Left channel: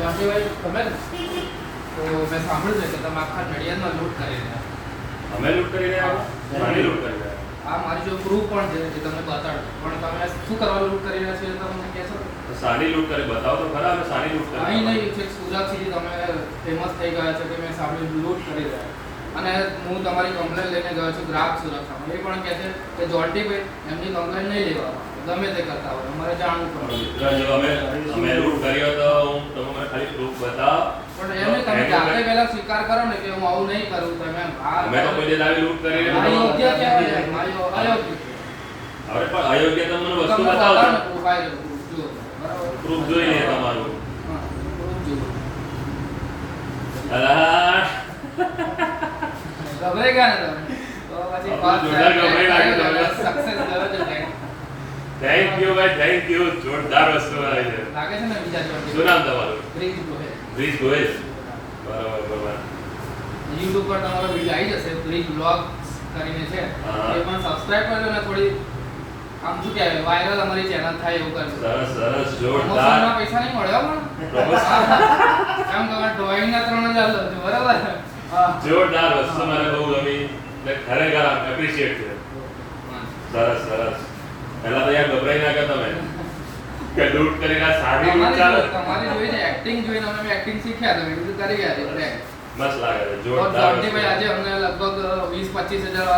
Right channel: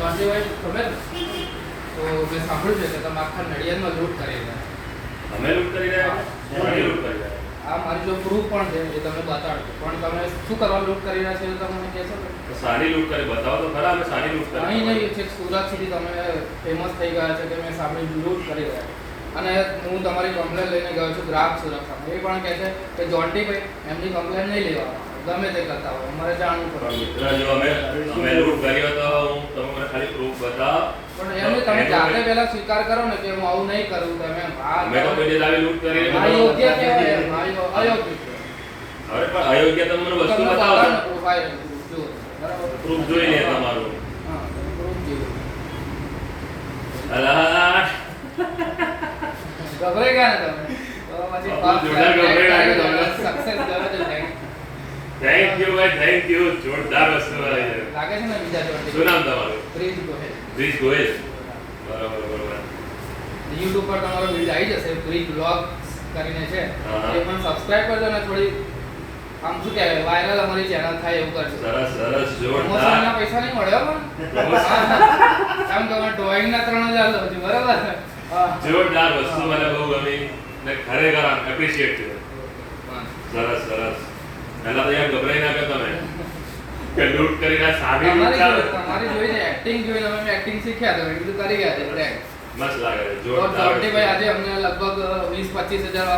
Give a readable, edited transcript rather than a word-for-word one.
જોન્ટીભાઈ ખબર ને? તો મેં સાંભળ્યું છે કે તમે આખા નડિયાદમાં લૂંટ કરી રહ્યા. અમે લૂંટ કરી રહ્યા છીએ? મારી લૂંટ કરી રહ્યા આ મારી જો પ્રૂફ પણ છે જે તમને બતાડો. પણ તમે શું કરવા લૂંટ કરી રહ્યા છો એ તો મને કહેશો? તો સારી લૂંટ કરી બતાવો તો ખરા. અમે સારી લૂંટ કરી અહીં નહીં છે સુરત સુધી તમે ફેમસ થઈ ગયા છે કે મેં સાંભળ્યું લૂંટ કરી રહ્યા. અને હું તમારી કમ્પ્લેન લઈને ગયો છું ગ્રાહક સુરક્ષામાં. એ પણ કહે છે કે જોન્ટીભાઈ એમની કમ્પ્લેન નહીં લેવા ગમે તે કરતા હોય અમારે જાણવું પડે. મિત્ર જો અમે લૂંટ કરી હોય તો તમે મને ખાલી પ્રૂફ બતાવો. પણ એમને તમે જાતે પહેલા સ્વીકાર કરો ને કે હું આવું નહીં કરું. તમે અમે તો કોઈ દિવસ આવી લૂંટ કરી આ યોગ્ય કહેવાય એમ, આ અયોગ્ય. હવે પણ અયોગ્ય તમને વસ્તુ તમને બતાવો બતાવો ને પ્રોફાઇલ જુઓ બરાબર. પ્રૂફ જોઈ લે તમારું. હા પ્રૂફ જુઓ. અલા ગભરાઈ ગયા ને તમે તો પછી પાસ જોરદાર ગભરાઈ ગયા તમે. સક્સેસ કરો છો કંઈક. થેન્ક યુ ભાઈ, થેન્ક યુ. જોરદાર વસ્તુ આવી છે. લાગે છે ને બીજા જોડે શું નામ તમારું? ક્રિશ ગોહિલ. ક્રિશ ગોહિલ. બરાબર બરાબર. YouTube પર તમારો વિડિયો આવી જશે ક્રિશ વ્લોગ્સ કરીને છે. હા. એ પણ સબસ્ક્રાઇબ કરજો ને થોડી આમ શું કહેવાય વાયરલ અમારી ચેનલ થાય એવું કરજો. સરસ સરસ પ્રમોશનના જોરદાર. પૈસા નહીં મળ્યો પણ પ્રમોશન. આમ તમારે ડ્રોઈંગના 3000 લો છો બરાબર. હા. જોરદાર વસ્તુ મને બહુ ગમી. ને ખરેખર એપ્રિશિએટ છે. સરસ સરસ. પહેલા તો યાર ગભરાઈ ના ગયા તમે કે લૂંટ કરીને સારી લૂંટ ચાલે. તમારી જોઈને એક્ટિંગ જોઈને અમે એક્ટિંગ શીખ્યા તો એ બધું કરી ગયા છે એટલે મસ્ત લાગે છે. તો જોરદાર જોન્ટીભાઈ આજે અમને લગભગ 20-25 હજાર